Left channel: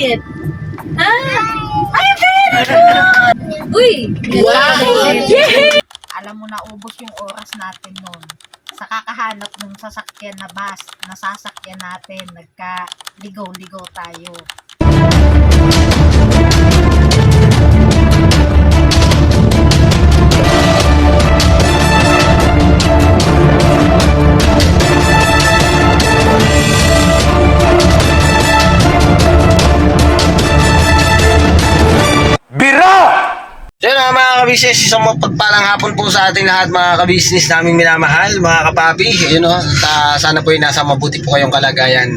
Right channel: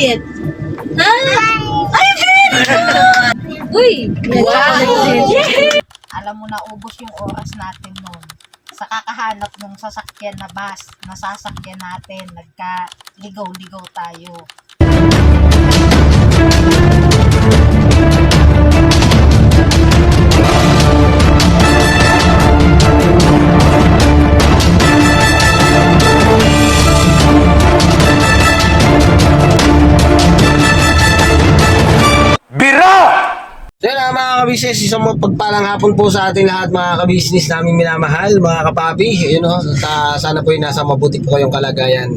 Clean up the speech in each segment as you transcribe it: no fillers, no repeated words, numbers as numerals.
bayad? Ha? Ay, very good! Uy! Yay! Alam mo na, ubos yung oras natin noon sa kakahanap ng sasakyan na bus na sasakyan natin. Nagka-ligaw-ligaw tayo. So yun mga kabisnes, isang mapagpalang hapon po sa ating lahat mga kabisnes naming minamahal, mga kapapi. Yun o, sana po yung nasa mabuti po kayong kalagayan.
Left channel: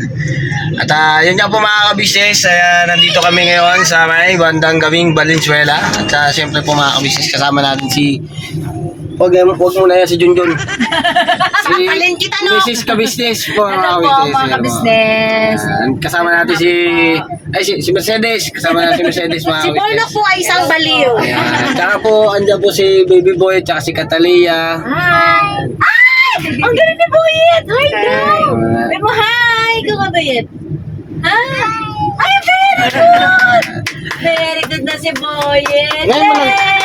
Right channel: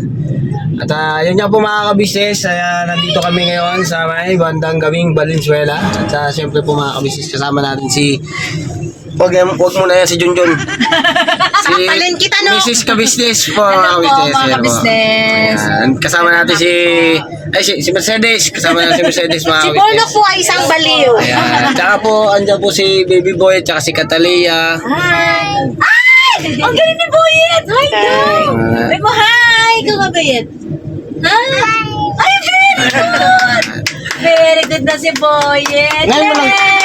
At yun nga po mga kabisnes, nandito kami ngayon sa may bandang gawing Valenzuela. At siyempre po mga kabisnes, kasama natin si... Huwag muna yan si Junjun. Si kita, no? Mrs. Kabisnes po Hello po mga kabisnes. Kasama natin si Mercedes. Kasama natin si Mercedes mga Si kabisnes. Bornok po ay isang baliw. Ayan. Tsaka po, andyan po si Baby Boy, tsaka si Catalia. Hi! Ay! Ang galing ni Boyet! Hi, go! Ay mo, hi! Ikaw nga, Boyet? Hi! Ay, very good! Very good na si Boyet! Ngayon mo lang. Yay!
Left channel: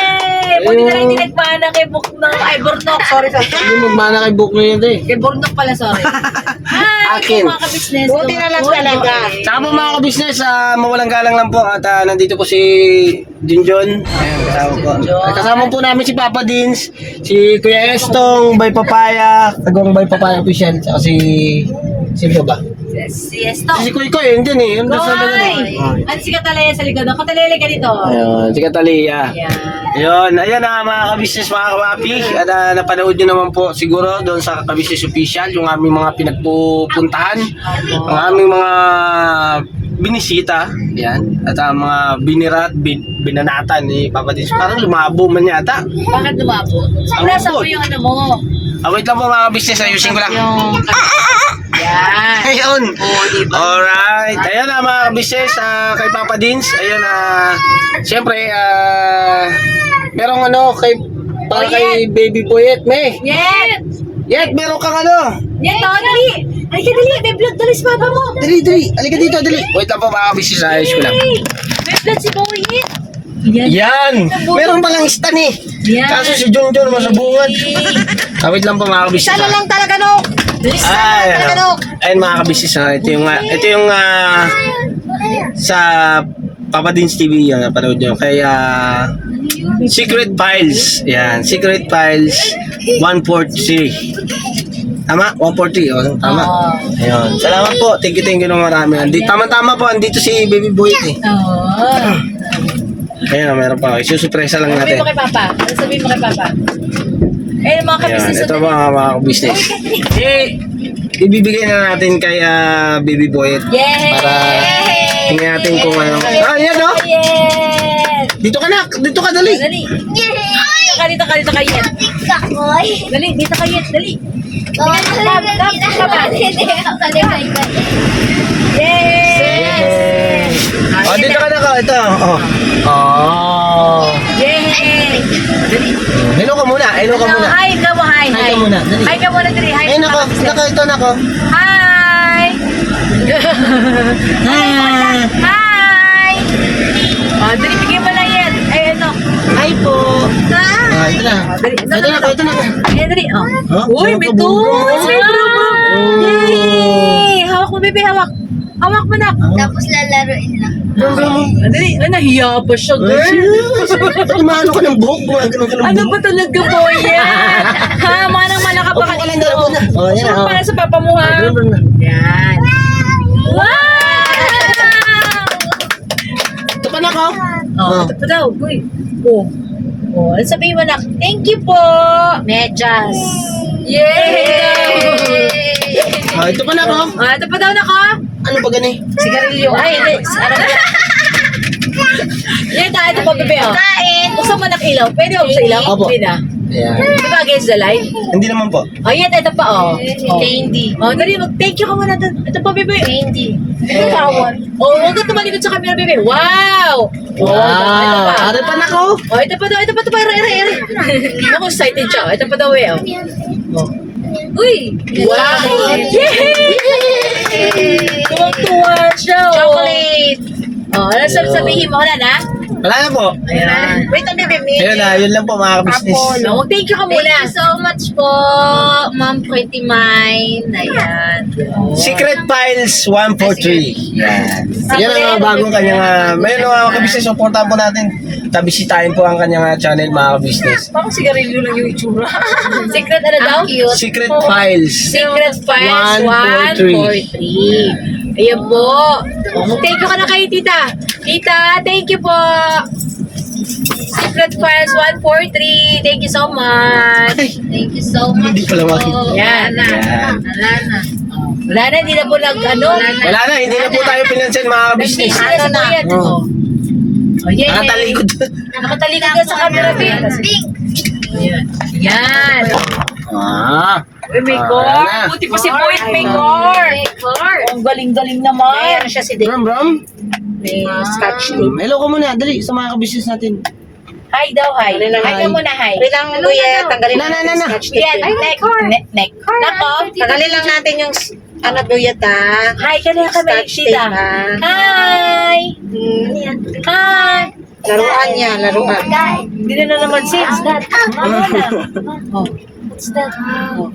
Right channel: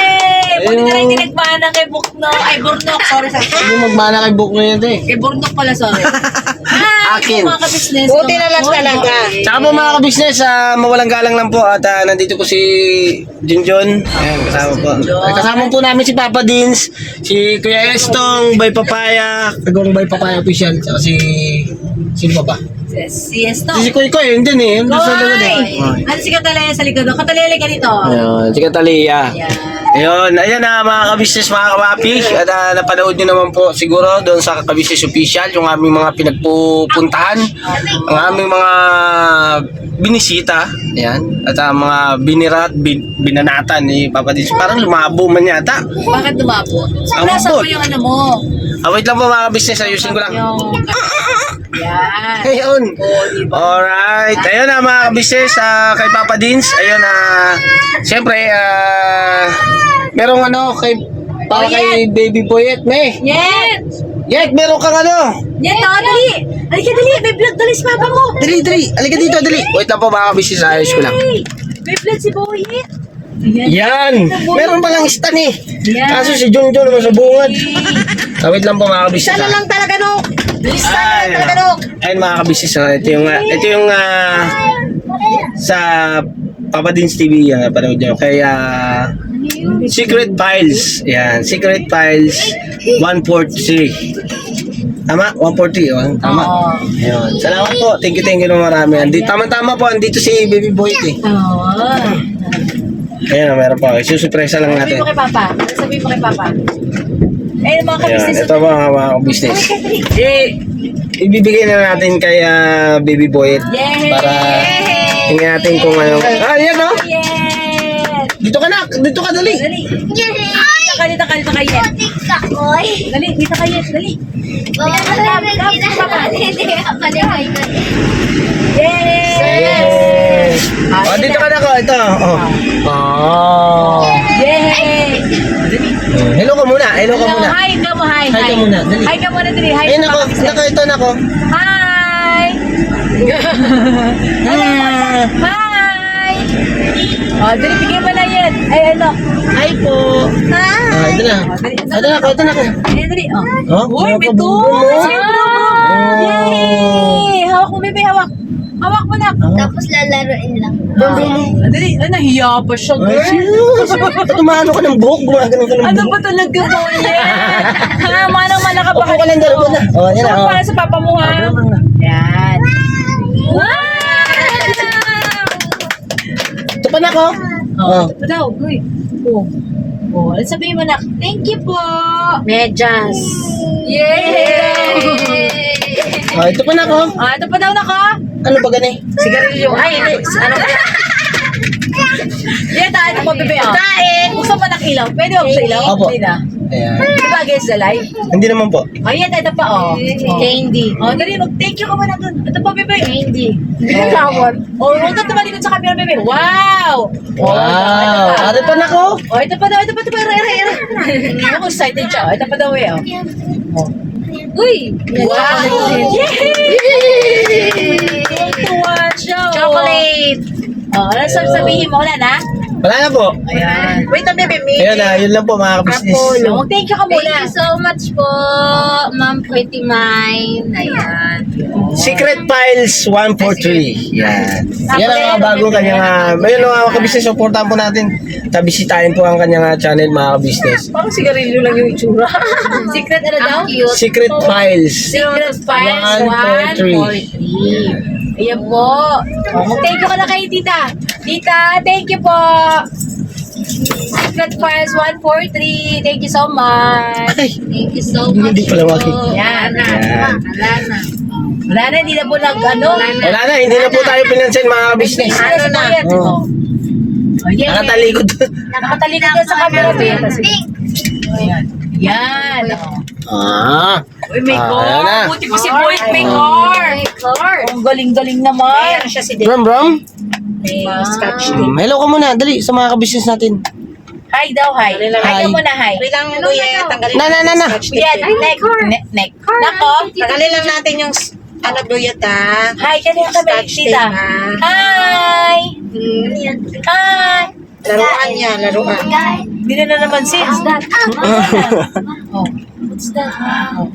Buti na lang hindi nagmana kay Buknok. Ay, Bornok. Sorry. Hindi magmana kay Book na yun eh. Kay Bornok pala, sorry. Hi! Akin. Mga kabisnes. Buti na lang talaga. Tsaka po mga kabisnes, mawalang galang lang po. At nandito po si Junjun. Ayan, kasama po. Ay, kasama po namin si Papa Dins, si Kuya Estong, Bay Papaya, Kagawang Bay Papaya Official, tsaka si... Sino ba? Si Esto. Si Kuy Koy, yun din eh. Yun nasa likod eh. Koy! Ano si Katalaya sa likod? Katalaya ka dito. Ayun, si Catalia. Ayan. Ayun, ayan na mga kabisnes, mga kawapi. At napanood nyo naman po siguro doon sa Kabisnes Official yung aming mga pinagpupuntahan, ang aming mga binisita. Ayan. At mga binirat, binanatan ni Papa Dins. Parang lumabo man yata. Bakit lumabo? Ang Nasa lambot. po yung ano mo. Wait lang po mga kabisnes, ayusin ko lang. Yung... Yan. Ayun. Oo, diba? Alright. Ayun na mga kabisnes, kay Papa Dins. Ayun, siyempre, merong ano, para kay Baby Boyet, May. Yan. Yet, meron kang ano. Yan, dali. Halika, dali. May vlog dali si Papa mo. Dali. Halika dito, dali. Wait lang po mga kabisnes, ayos ko lang. Hey, may vlog si Boyet. Yan. Meron palang stan eh. Yan. Kaso si John mo sa bungad. Wait lang po mga kabisnes. Sana lang talaga, no? Ay, ayun mga kabisnes, ito yung sa Papa Dins TV yan, napanood nyo. Kaya Secret Files. Yan, Secret Files 143. Tama? 143, oh. Tama. Ayun. Salamat po. Thank you na marami. Tama-tama po, andito si Baby Boy eh. Ayun, meron pa. Isusurpresa lang Sabihin natin. mo kay Papa. Sabihin mo kay Papa. Eh, mga Ayun, kabisnes. ito mga business. Ibibigay na natin kay Baby Boy Yay! para tingnan natin kung ano. Yan o. Yes! Dito ka na. Dito ka, dali. Dali. Dito ka, Yet. Dali, dito ka, Yet. Dali. Yes! Dito ka na ka. Ito. Yay! Dali. Hello ka muna. Hello ka muna. Hi, ikaw mo, hi. Hi ka muna, dali. Hi ka muna, dali. Hi. Ayun ako. Ito na ako. Hi! Hi! Oh, dali, bigyan mo na yan. Ay, ano? Hi po. Hi! Ito na. Dali, Ito na ako. Ito na ako. Ayan, dali. Oh. Oh, Uy, may bro. tools! May bro. Oh. Yay! Hawak mo, baby, hawak. Hawak mo na. Tapos lalaroin lang. Dali, nahiya pa siya, girl. Tumano ka ng buhok. Gumagano ka ng Ano buhok. ba talaga po yan? Ha, manang-mana ka pa Okay, kanina. dalawa na. Oh, yan na. So, para sa papa mo, ha? Yan. Wow! Ito pa na ako. Oh, ito pa daw. Uy. Oh. Oh, ano sabihin mo na? Thank you po. Medyas. Yay! Ito pa na ako. Ah, ito pa daw na ko. Ano ba ganay? Sigarilyo. Ay, hindi. Ano ba? Yan, ito po, bebe. Kain. Buksan mo ng ilaw. Pwede ako sa ilaw? Opo. Hindi na. Ayan. Di ba against the light? Hindi naman po. Oh, yan. Ito pa, oh. Candy. Oh, dali. Mag-thank you ka muna doon. Ito po, bebe. Candy. Oh, huwag ka tumalikod sa camera, bebe. Wow! Oh, ito pa. Ano pa na ako? Oh, ito pa daw. Ito pa, ito pa. Ako excited siya. Oh, ito pa daw, eh. Oh. Uy! Wow! Yay! Tuwang-tuwa siya, oh. Chocolate. Oh, ano sabihin mo? Wala na? Wala na po. Ayan. Wait a minute, Ayan na, yun lang po mga kabisnes. Oh, thank you ka muna. Thank you so much po, Ma'am Pretty Mind. Ayan. Secret Files 143. Yan. Yan ang mga bagong kanyang, mayroon mga kabisnes, supportahan po natin. Bisitahin po ang kanyang channel mga kabisnes. Parang sigarilyo lang yung itsura. Secret ano daw? Ang cute. Secret Files. Secret Files 143. Ayan po. Oh, mag-thank you ka na kay tita. Tita, thank you po. Secret Files 143. Thank you so much. Thank you so much Hindi pala makikita. po. Yan. Yan. Wala na. Wala na, hindi na po ano. Wala na, hindi na po tayo pinansin mga kabisnes. Nag-busy na sa bayad. Oh. Oh, yeah, Nakatalikod. Nakatalikod na sa camera. Pink. Ayan. Yan. Ah. Uy, may Ah, core. wala na. Buti pa si Boy, may core. Ang galing-galing naman. Siya si Bram, Bram. May scotch Hello ka muna, dali sa mga kabisnes natin. Hi daw, hi. Hi ka muna, hi. Wait lang, Kuya. Tanggalin Na. natin yung scotch Yan, tape. neck. Nako. Tanggalin lang natin yung ano, Kuya, ta. Hi, kanina kami, Scotch tape, tita. ha? Hi. Hi. Laruan niya, laruan. Hindi na naman sis. Oh. What's that? Oh.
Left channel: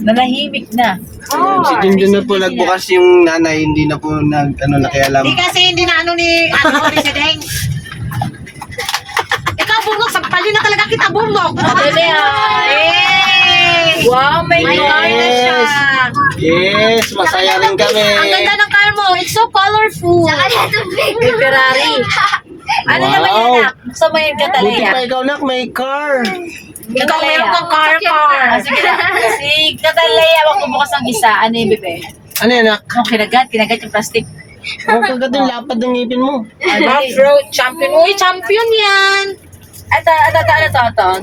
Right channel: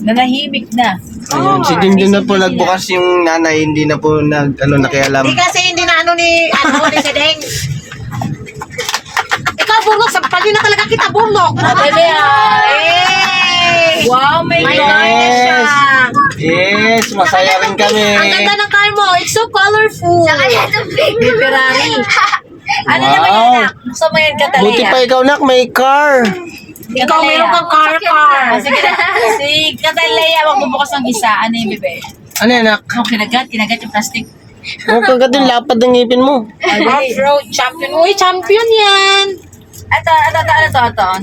Nanahimik na. Ayun, si Dim din na po nagbukas yung nanay, hindi na po nakialam. Di kasi hindi na ni si Deng. Ikaw, Burnok, sampalin na talaga kita, Burnok. Dali, wow, may My car. goodness siya. Yes, masaya rin kami. Ang ganda ng car mo. It's so colorful. May Ferrari. Ano Wow. naman yan, anak? Gusto mo yung Buti Catalina? pa ikaw nak, may car. Ikaw, meron kang car. Ah, sige na. Si Catalina, magbubukas ng isa. Ano yung bebe? Ano yan nak? Oh, kinagat yung plastic. Ang pagkat yung lapad ng ngipin mo. Ay, dali. Off-road champion. Uy, champion yan. Ito.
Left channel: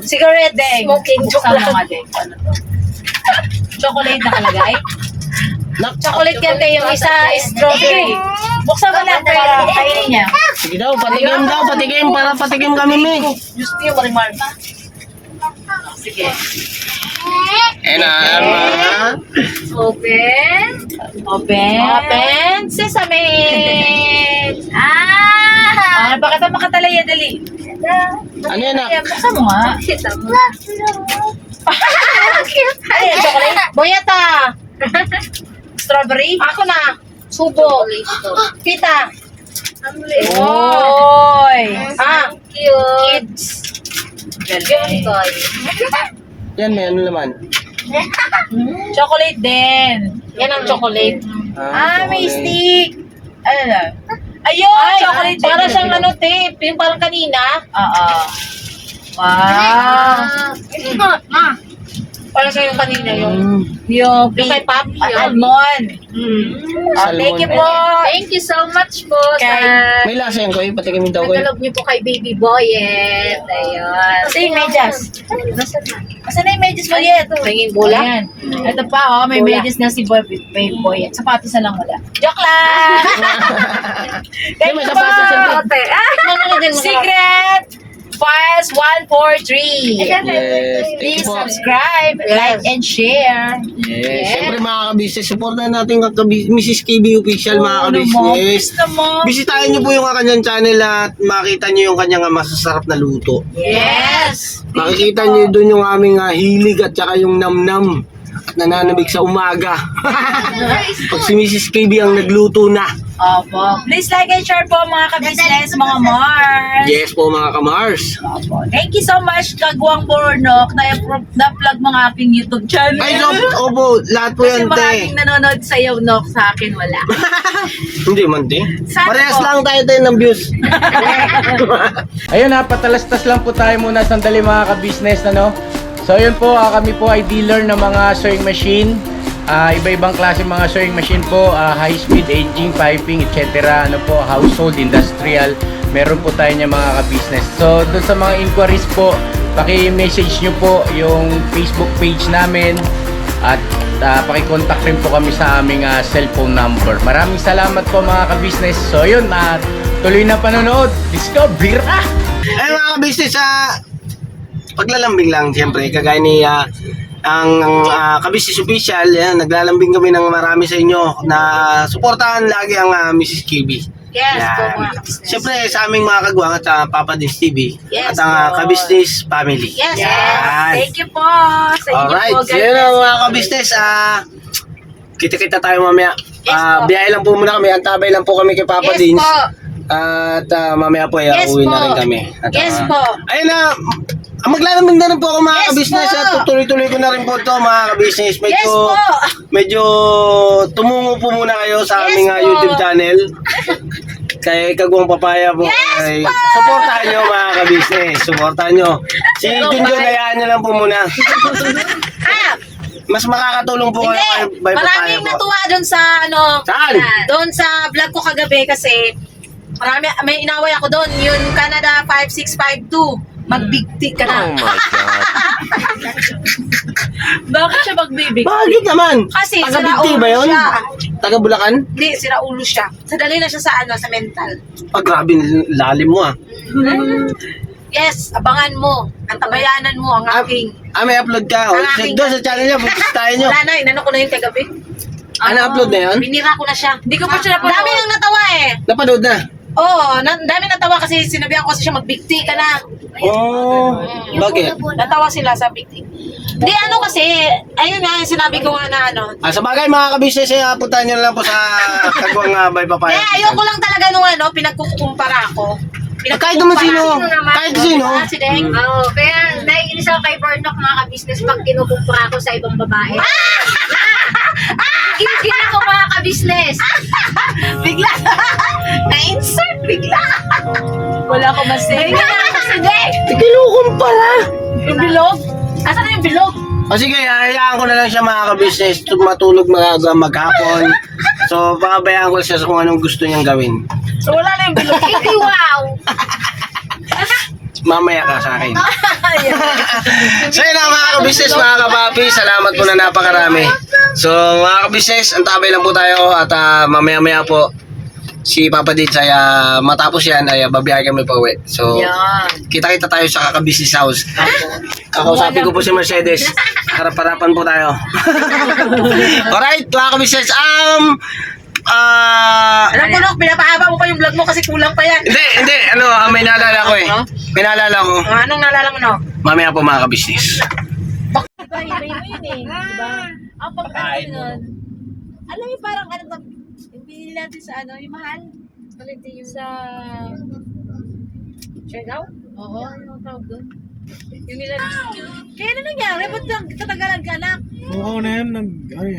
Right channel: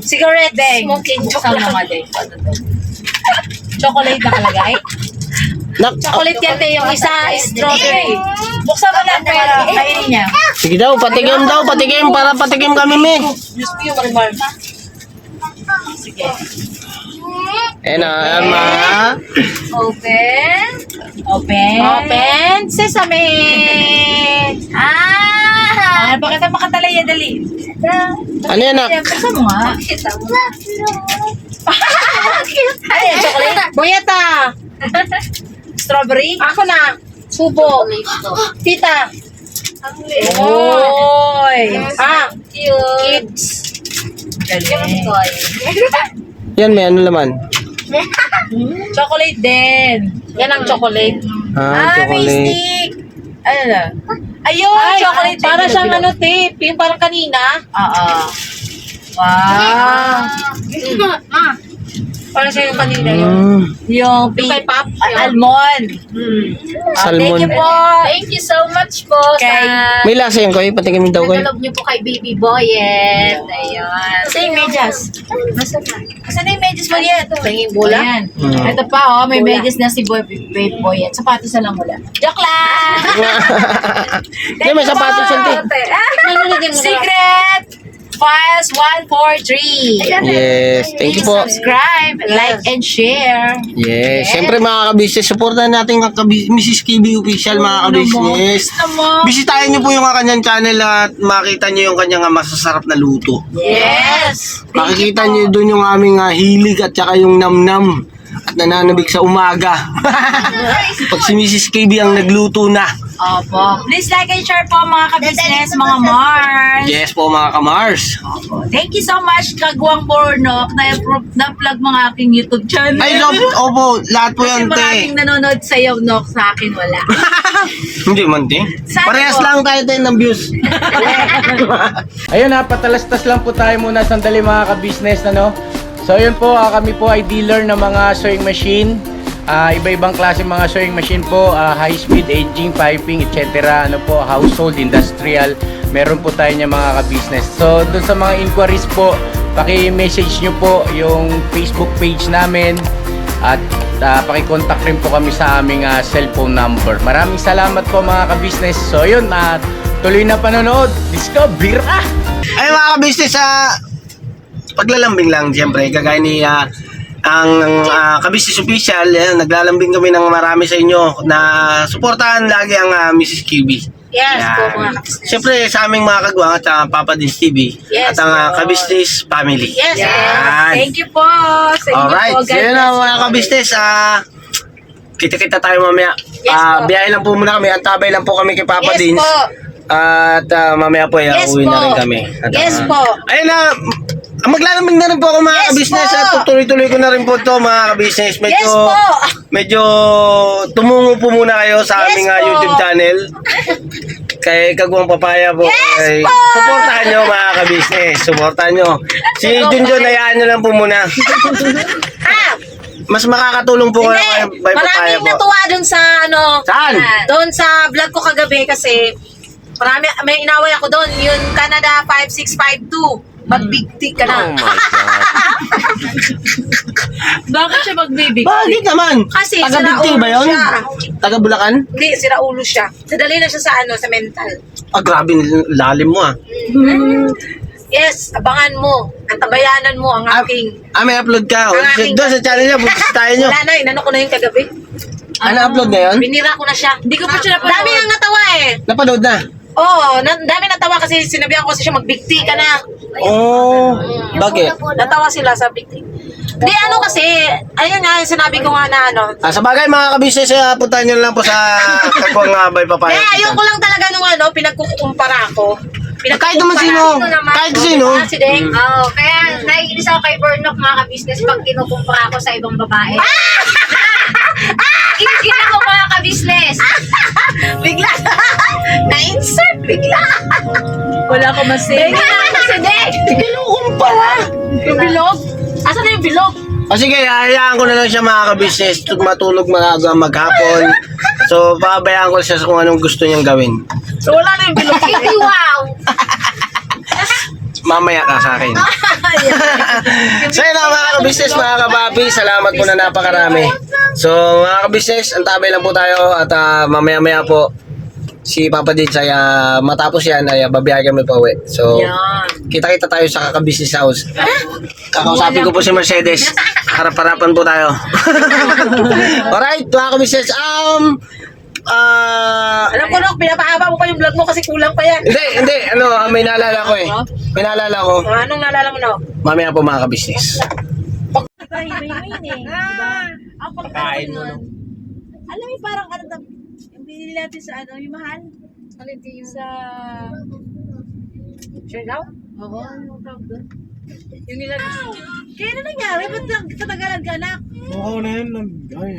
Cigarette Deng. smoking. Joke Buksan mo lang. nga, Deng. Ano to? Chocolate na kalagay? Nak, Chocolate yan, te. Yung isa, strawberry. Buksan mo lang para kainin niya. sige daw, patikim para patikim kami me. Diyos ko yung marimar. Sige. Eh na, Open. Open. Sesame. Ano ba kita makatalaya, dali? ano yan nak? Buksan mo nga. Kita mo. Ano yan, chocolate? Boyeta. Strawberry? Ako na. Subo. Tita. Oy! Cute. Galing. Yan may ano naman. Chocolate din. Yan ang chocolate. May chocolate. stick. Ano na? Ayun, Ay, chocolate. para din. siyang ano, tape. Yung parang kanina. Oo. Wow. Parang siya yung kanina yun. Yung Yung kay Pop. almond. Thank you po. Thank you so much po Kay- May lasa yan ko, patikim daw ko. Nagalob niyo po kay Baby Boyet. Ayun. Ito yung medyas. Asan na yung medyas mo yet? Tingin bola? Ayan. Ito pa, may Bola. medyas na si Baby Boy. Sapatos na lang wala. Joke lang! Hindi, may sapatos yan, te. Tikman mo na din. Secret Files 143. Yes, thank you Please po. subscribe, like, and share. Yes, siyempre mga kabisnes, supportan natin ang Mrs. KB Official mga kabisnes. Bisitahin niyo po yung kanyang channel at makita niyo yung kanyang masasarap na luto. Yes! Makikita niyo doon yung aming hilig at saka yung namnam at nananabig sa umaga. Pag si Mrs. KB ang nagluto na. Opo. Please like and share po mga kabisnes, mga Mars. Yes po mga kamars. Opo. Thank you so much, Kagwang Bornok, na-plug mga aking YouTube channel. Ay, so, opo, lahat po Kasi yan, maraming te. nanonood sa'yo, Nok, sa akin wala. Hindi man, te. Sana Parehas po. lang tayo ng views. Ayun ha, patalastas lang po tayo muna sandali mga ka-business, ano? So yun po, kami po ay dealer ng mga sewing machine. Iba-ibang klase mga sewing machine po, high speed, aging, piping, etc. Ano po, household, industrial. Meron po tayo niya mga ka-business. So doon sa mga inquiries po, paki-message nyo po yung Facebook page namin. At paki-contact rin po kami sa aming cellphone number. Maraming salamat po mga ka-business. So yun, tuloy na panonood. Let's go, bira! Ay mga ka-business, paglalambing lang siyempre, kagaya ni ang ka-business official, yan, naglalambing kami ng marami sa inyo na suportahan lagi ang Mrs. KB. Yes po Yan. mga ka-business. Siyempre sa aming mga kagwang at Papa Dins TV Yes, at ang po. ka-business family. Yes, Yan. Thank you po sa inyo Alright, po. so yun ang mga ka-business. Kita-kita tayo mamaya. Yes, po. Biyahe lang po muna kami. Antabay lang po kami kay Papa Yes Dins. po. At mamaya po, Yes uwi na po. rin kami. At, Yes po. Ayun na, maglalamig na rin po ako mga Yes ka-business po. at tutuloy-tuloy ko na rin po ito mga ka-business. Yes po. Medyo tumungo po muna kayo sa Yes aming po. YouTube channel. Kay Kagwang Papaya po. Yes po. Supportahan nyo mga ka-business. Supportahan nyo. Si Junjun, hayaan nyo lang po muna. Mas makakatulong po kayo Hindi, kay Papaya maraming po. natuwa doon sa Saan? doon sa vlog ko kagabi kasi may inaway ako doon, yung Canada 5652. Magbigti ka na. Oh my God. Bakit siya magbibig? Bakit naman? Kasi Taga-Bigti sira ba ulo yun? siya. Taga Bulacan? Hindi, sira ulo siya. Sadali na siya sa sa mental. Grabe, lalim mo Yes, abangan mo. Ang tabayanan mo, ang aking. May upload ka. Ang aking Doon sa channel niya, bukas tayo nyo. Wala na, inano ko na yun kagabi. Upload na yun? Binira ko na siya. Hindi ko pa siya napanood. Dami nang natawa eh. Napanood na? Oo, dami natawa kasi sinabihan ko kasi siya magbigti ka na. Oh, bakit? Natawa sila sa bigti. Di ano kasi, ayun nga yung sinabi ko nga na ano. Sa bagay mga ka-business, puntahan nyo lang po sa Kagwang Bay Papaya. Ayoko lang talaga nung pinagkukumpara ako. Kahit naman sino. Kahit sino. Si Deng. Oo, kaya naiinis ako kay Bernok mga ka-business pag kinukumpara ko sa ibang babae. Gigil ako mga ka-business. Bigla. Na-insert bigla. Wala ko masing. Bigla ako si Deng. Kinukumpara. Yung bilog. Asan na yung bilog? O sige, hayaan ko na lang siya mga ka-business. Matulog maaga maghapon. So, pabayaan ko siya sa kung anong gusto niyang gawin. So wala na yung bilog. Hindi wow. Mamaya ka sa akin. So yun lang mga ka-business, mga kapapi. Salamat po na napakarami. So mga ka-business, antabay lang po tayo. At mamaya-maya po si Papa Dins ay matapos yan ay babiyahe kami pa uwi. So kita-kita tayo sa kaka-business house. Kakausapin ko po si Mercedes. Harap-harapan po tayo. Alright mga ka-business. Alam ko Nok, pinapahaba mo pa yung vlog mo kasi kulang pa yan. Hindi. May naalala ko eh. May naalala ko. Anong naalala mo Nok? Mamaya po mga ka-business. Iba-iba mo yun eh. Diba? Ang pagkain nun. Alam mo parang ano to, yung binili natin sa yung mahal. Alin yung sa... Sure daw? Oo, yung tawag doon. Yung nilagay. Kaya ano nangyari? Ba't tatagalan ka anak? Oo na yan,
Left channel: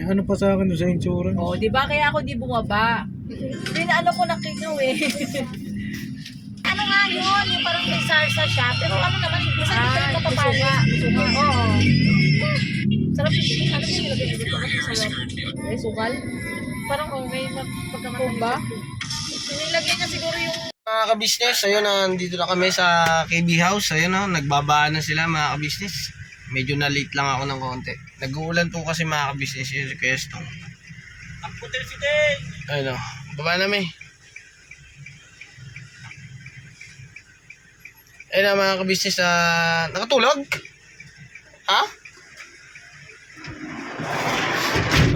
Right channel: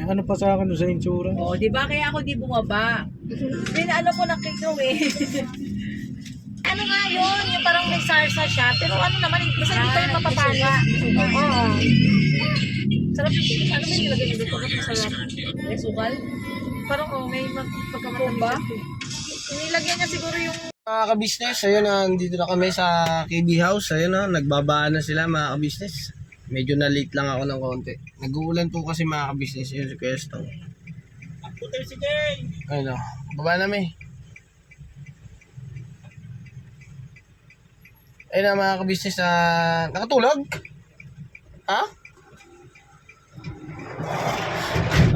ano pa sa akin sa insurance. Oo, di ba? Kaya ako di bumaba. Hindi na ano ko nakikaw eh. Ano nga yun? Yung parang may sarsa siya. Pero ano naman, basta hindi tayo mapapala. Oo. Sarap yung, ano ba yung nilagay nito? Bakit masarap? May sukal? Parang may pagkamatamis ba? Nilagyan niya siguro yung... Mga ka-business, ayun nandito na kami sa KB House. Ayun nagbabaan na sila mga ka-business. Medyo na late lang ako ng konti. Nag-uulan po kasi mga ka-business yung request. Ang putil si Deng! Ayun baba namin. Ayun mga ka-business, nakatulog? Ha?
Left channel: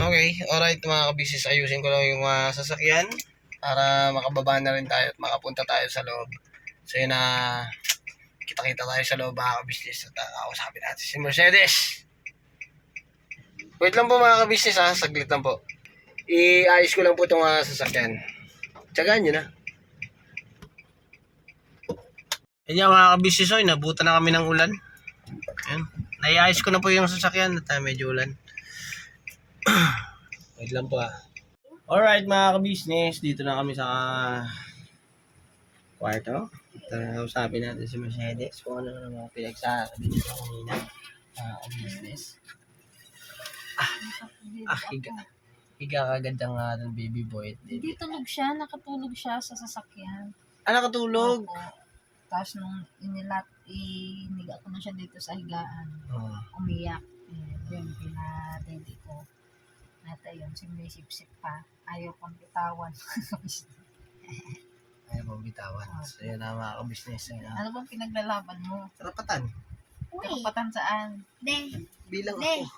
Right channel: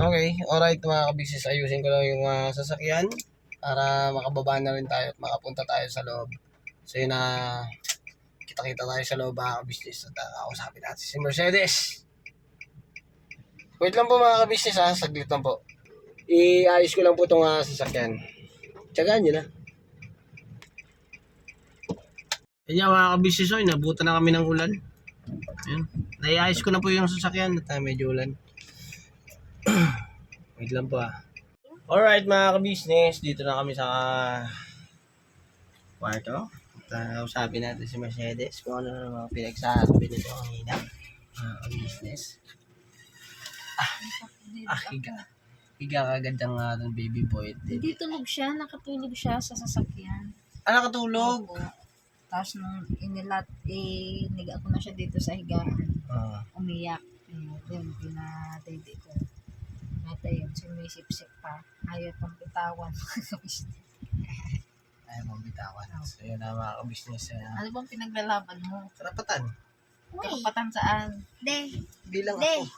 Okay, alright mga ka-business, ayusin ko lang yung sasakyan para makababa na rin tayo at makapunta tayo sa loob. So yun kita-kita tayo sa loob mga ka-business at kausapin natin si Mercedes. Wait lang po mga ka-business saglit lang po. Iayos ko lang po itong sasakyan. Tsagaan nyo na. Ayan mga ka-business, nabutan na kami ng ulan. Ayan. Naiayos ko na po yung sasakyan at medyo ulan. Wait lang po Alright mga ka-business, dito na kami sa kwarto. Usapin natin si Mercedes kung ano na mga pinagsasabi nito kanina. Mga ka-business. Higa kagad ang ating baby boy. Hindi tulog siya, nakatulog siya sa sasakyan. Nakatulog? Opo. Tapos nung iniga ko na siya dito sa higaan, umiyak. Yun, pinadede ko. At ayun, sumisip-sip pa. Ayaw pang bitawan. Ayaw pang bitawan. So yun na mga ka-business. Ano bang pinaglalaban mo? Karapatan. Karapatan saan? Bilang ako.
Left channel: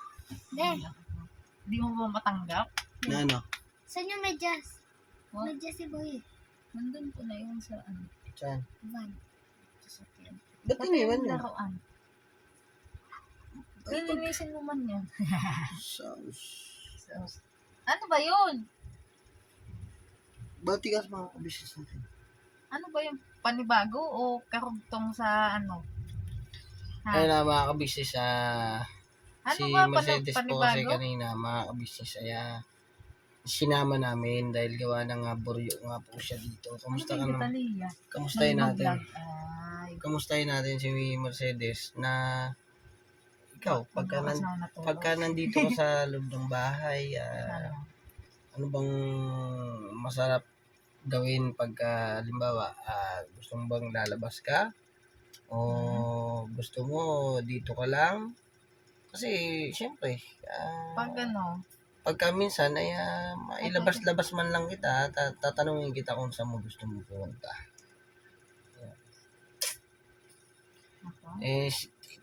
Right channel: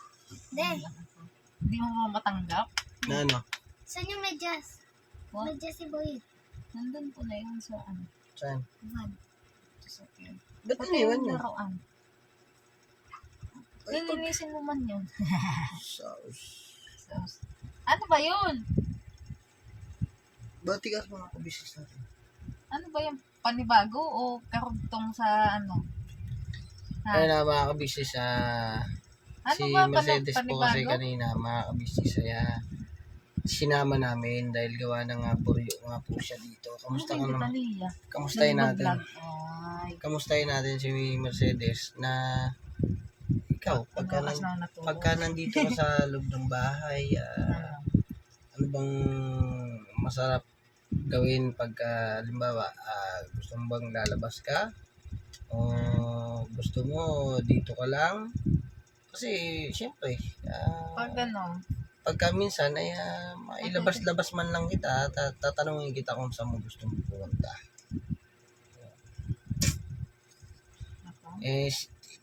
Hindi mo ba matanggap? Na ano? Saan yung medyas? What? Medyas si Boy. Nandun po na yun sa ano. Saan? Iwan. Sasakyan. Ba't Pati iniwan yung yun? laruan. Ay, pag- Lilinisin mo man yun. Sauce. So, ano ba yun? Batigas mga kabisnes natin. Ano ba yung panibago o karugtong sa ano? Ha? Ayun na mga kabisnes, Ano si ba Mercedes po kasi panibago? kanina mga kabisnes, sinama namin dahil gawa ng buryo nga po siya dito. Kamusta ka naman? Talia. Kamustahin natin. Ay, Kamustahin natin si Mercedes na ikaw, pagka nandito ka sa loob ng bahay, ano? ano bang masarap gawin pagka halimbawa gusto mo bang lalabas ka o gusto mo dito ka lang kasi syempre Pag ano? pagka minsan ay mailabas-labas man lang kita tatanungin kita kung saan mo gusto mo pumunta. Ako?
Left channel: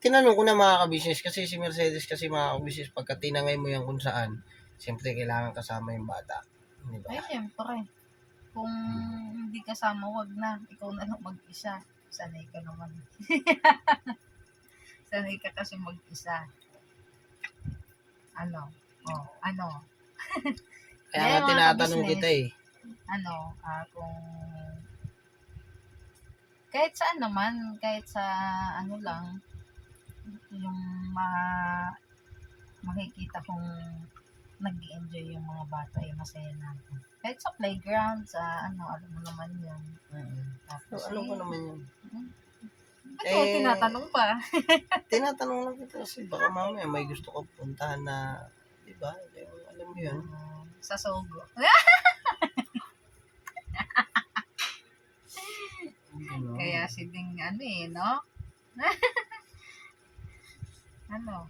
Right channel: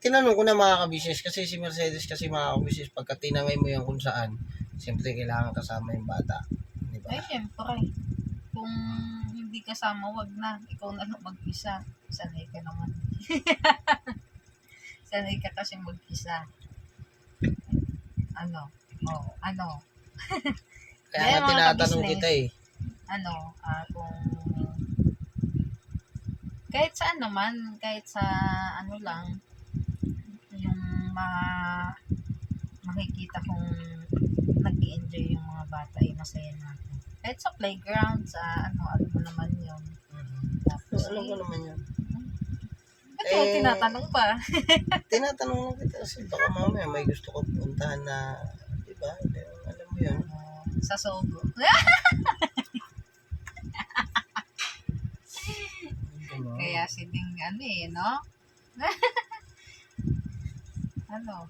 Tinanong ko na mga kabisnes kasi si Mercedes kasi mga kabisnes pagka tinangay mo yan kung saan syempre kailangan kasama yung bata, di ba? Ay, syempre. Kung hindi kasama, wag na. Ikaw na lang mag-isa. Sanay ka naman. Sanay ka kasi mag-isa. Ano? Oh, ano? Kaya Kaya nga mga tinatanong kabisnes, kita Ano? Kung kahit sa ano man, kahit sa ano lang, yung makikita kong nag-i-enjoy yung mga bata ay masaya natin. Kahit sa playground, sa ano, alam mo naman yun. Tapos, Alam ko naman yan. Ba't mo tinatanong pa? Tinatanong lang kita kasi baka mamaya may gusto ko puntahan na, di ba? Alam mo yun. Sa Sogo. Gano'n. Kaya si Ding ano no? Ano?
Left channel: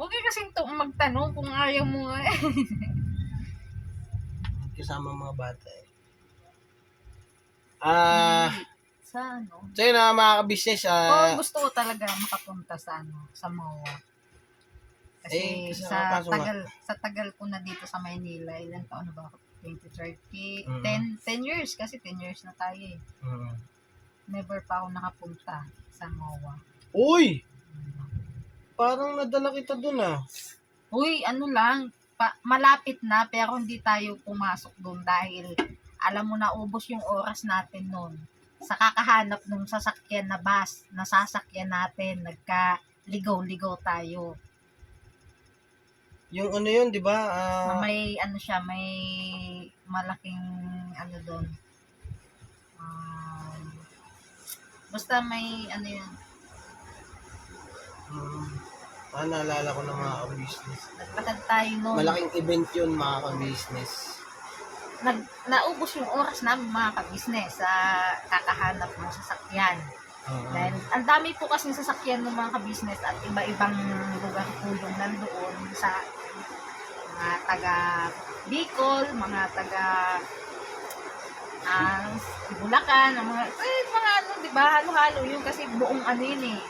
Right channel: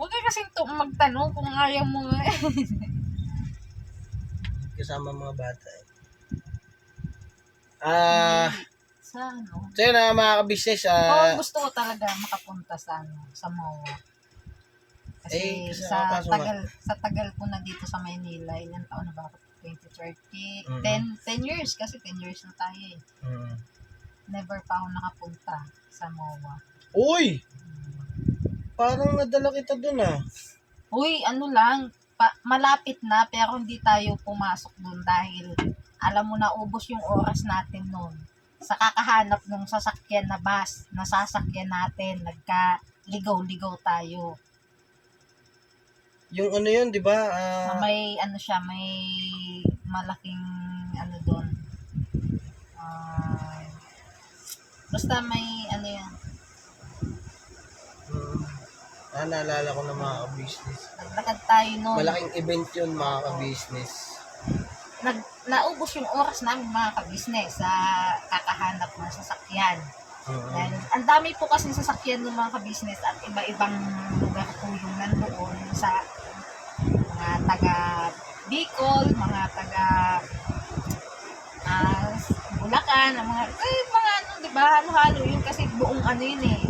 Huwag ka kasing magtanong kung ayaw mo nga. Kasama mga bata Sa ano? so yun mga kabisnes, Oo, gusto ko talaga makapunta sa ano, sa MOA. Kasi kasi sa kaso nga- tagal ko na dito sa Maynila, ilang taon na ba ako? 2030, Mm. 10 years kasi 10 years na tayo eh. Never pa ako nakapunta sa MOA. Uy! Parang nadala kita dun Uy, ano lang, malapit na pero hindi tayo pumasok doon dahil alam mo na ubos yung oras natin noon sa kakahanap ng sasakyan na bus na sasakyan natin, nagka-ligaw-ligaw tayo. Yung ano yun, di ba? Na may ano siya, may malaking ano doon. Basta may ano yun. Naalala ko na mga kabisnes. Naglakad tayo noon. Malaking event yun mga kabisnes. Naubos yung oras namin mga kabisnes sa kakahanap ng sasakyan. Dahil ang dami po kasi sasakyan ng mga kabisnes at iba-ibang lugar po yung nandoon sa mga taga Bicol, mga taga Bulacan, mga ano, di ba? Halo-halo yun kasi buong ano yun eh.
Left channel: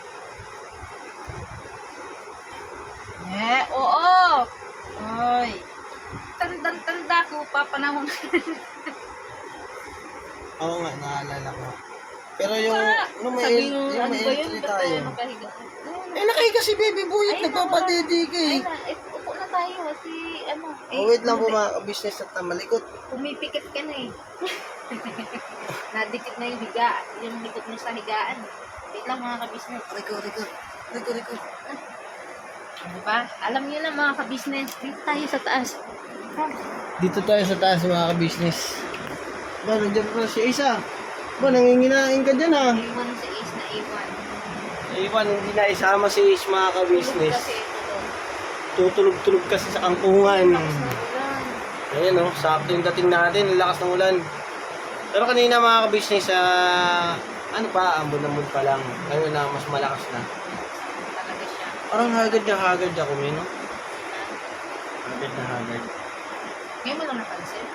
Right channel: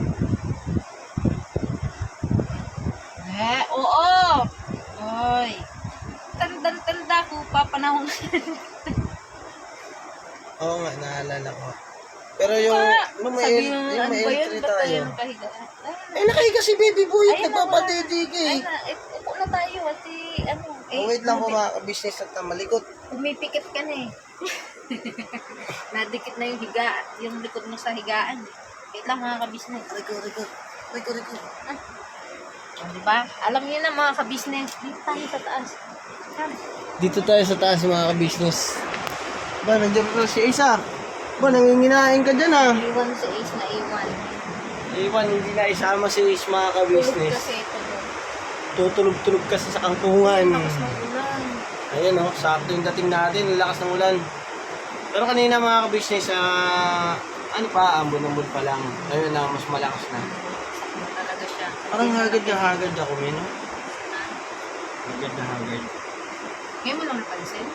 Oo. Oy. Tanda ko pa panahon. Oo nga, naalala ko. Pero yung may entry tayo. Nakahiga si Baby Boy, nagpapadede ka Upo na tayo kasi ano. wait lang po mga kabisnes at malikot. Pumipikit ka na eh. Nadikit na yung yung likod mo sa higaan. Wait lang mga kabisnes. Riko. Diba? Alam niyo na mga kabisnes, dito tayo sa taas. Dito tayo sa taas mga kabisnes. Ba, nandiyan na si Isa. Ba, nanginginain ka dyan Iwan si Ace na iwan. Iwan, hindi na isama si Ace mga Tulog kabisnes. kasi ito doon. Tutulog-tulog kasi sa kangkungan. Lakas ng ulan. Ayun sakto yung dating natin, ang lakas ng ulan. Pero kanina mga kabisnes, ano pa, ambon-ambon pa lang. Ngayon na, mas malakas na. Sakto talaga siya. Parang hagad ako, no? Hagad na hagad. Ngayon mo lang napansin?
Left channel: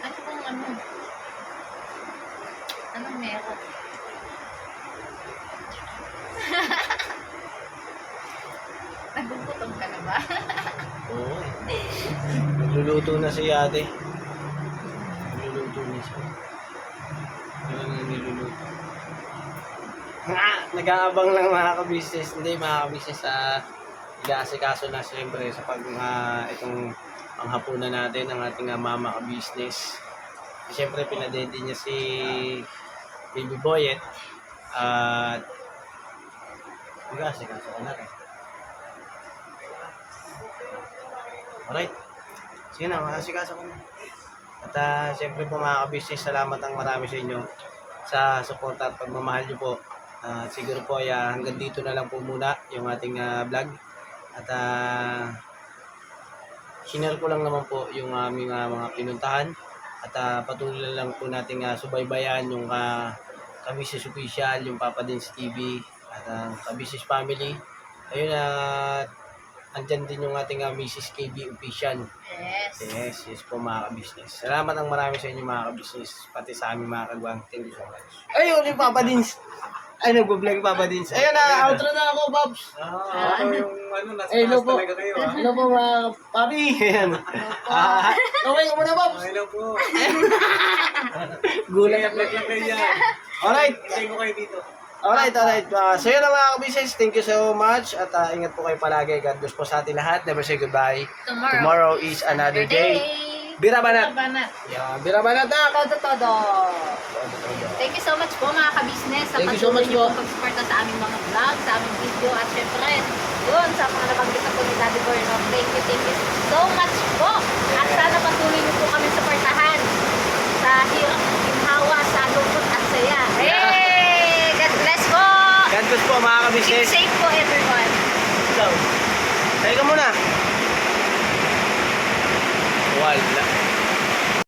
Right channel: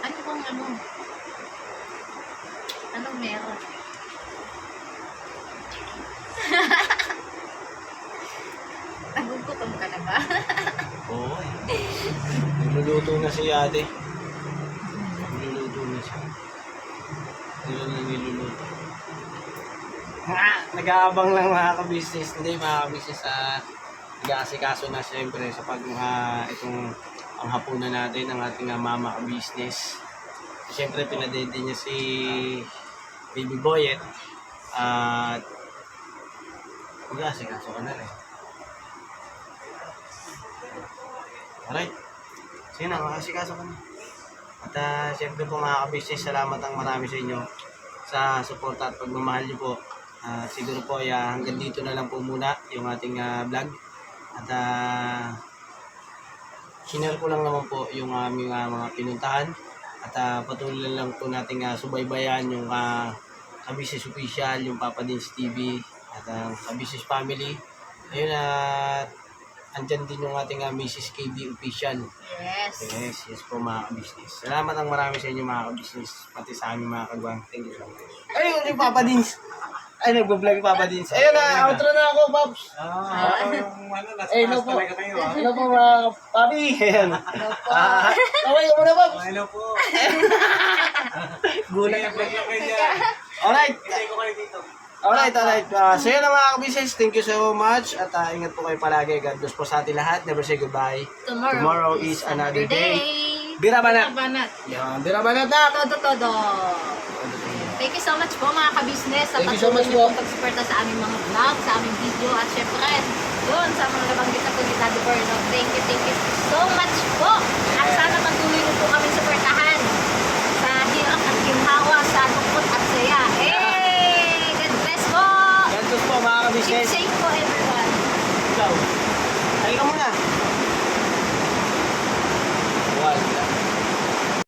Ano bang ano? Anong meron? Nagugutom ka na ba? Oo eh. Nagluluto na si ate. Nagluluto na siya. Ano na niluluto? Nag-aabang lang mga ka-business. Hindi mga ka-business nag-aasikaso na siyempre sa pag itong panghapunan natin ng ating mama ka-business. Siyempre pinadede niya si Baby Boyet at mag-aasikaso ka na rin. Alright. Sige na, mag-aasikaso ka na. At siyempre po mga ka-business, salamat ang marami sa inyo sa suporta at pagmamahal niyo po. Siguro po ay hanggang dito na lang po muna yung ating vlog. At share ko lang naman po yung aming mga pinuntahan. At patuloy lang po nating subaybayan yung Ka-Business Official, yung Papa Dins TV at ang Ka-Business Family. Ayun andyan din yung ating Mrs. KB Official. Yes po mga ka-business. Salamat ang marami sa inyo mga ka-business, pati sa aming mga kagwang. Thank you so much. Ayun, yung Papa Dins. Ay, nagbablog yung Papa Dins. Ayun na, outro na ako, Babs. Yung nasa Hello taas po. talaga kayo, Hello po mga papi. Ayan. Okay ka muna, Babs. Hello po. Gulat Kaya ako. vlog lang kayo dyan. Alright. Hintay ko kayo dito. Alright. So yun na mga ka-business. Thank you so much. At ingat po kayo palagi. God bless po sa ating lahat. Never say goodbye. Tomorrow is another day. Bira Banat. Banat. Yan, Bira Banat na. Todo. Thank you so much po mga ka-business sa Thank you so patuloy much niyo po. pong pag-suporta sa aming mga vlog, sa aming video at syempre yun sa mga nabanggit na po ni Daddy Borno. Thank you so much po. At sana patuloy niyo po kami suportahan sa hirap at ginhawa, sa lungkot at saya. Hey! God bless po! God bless po mga Keep ka-business. safe po everyone. Ikaw. Kaya ka muna.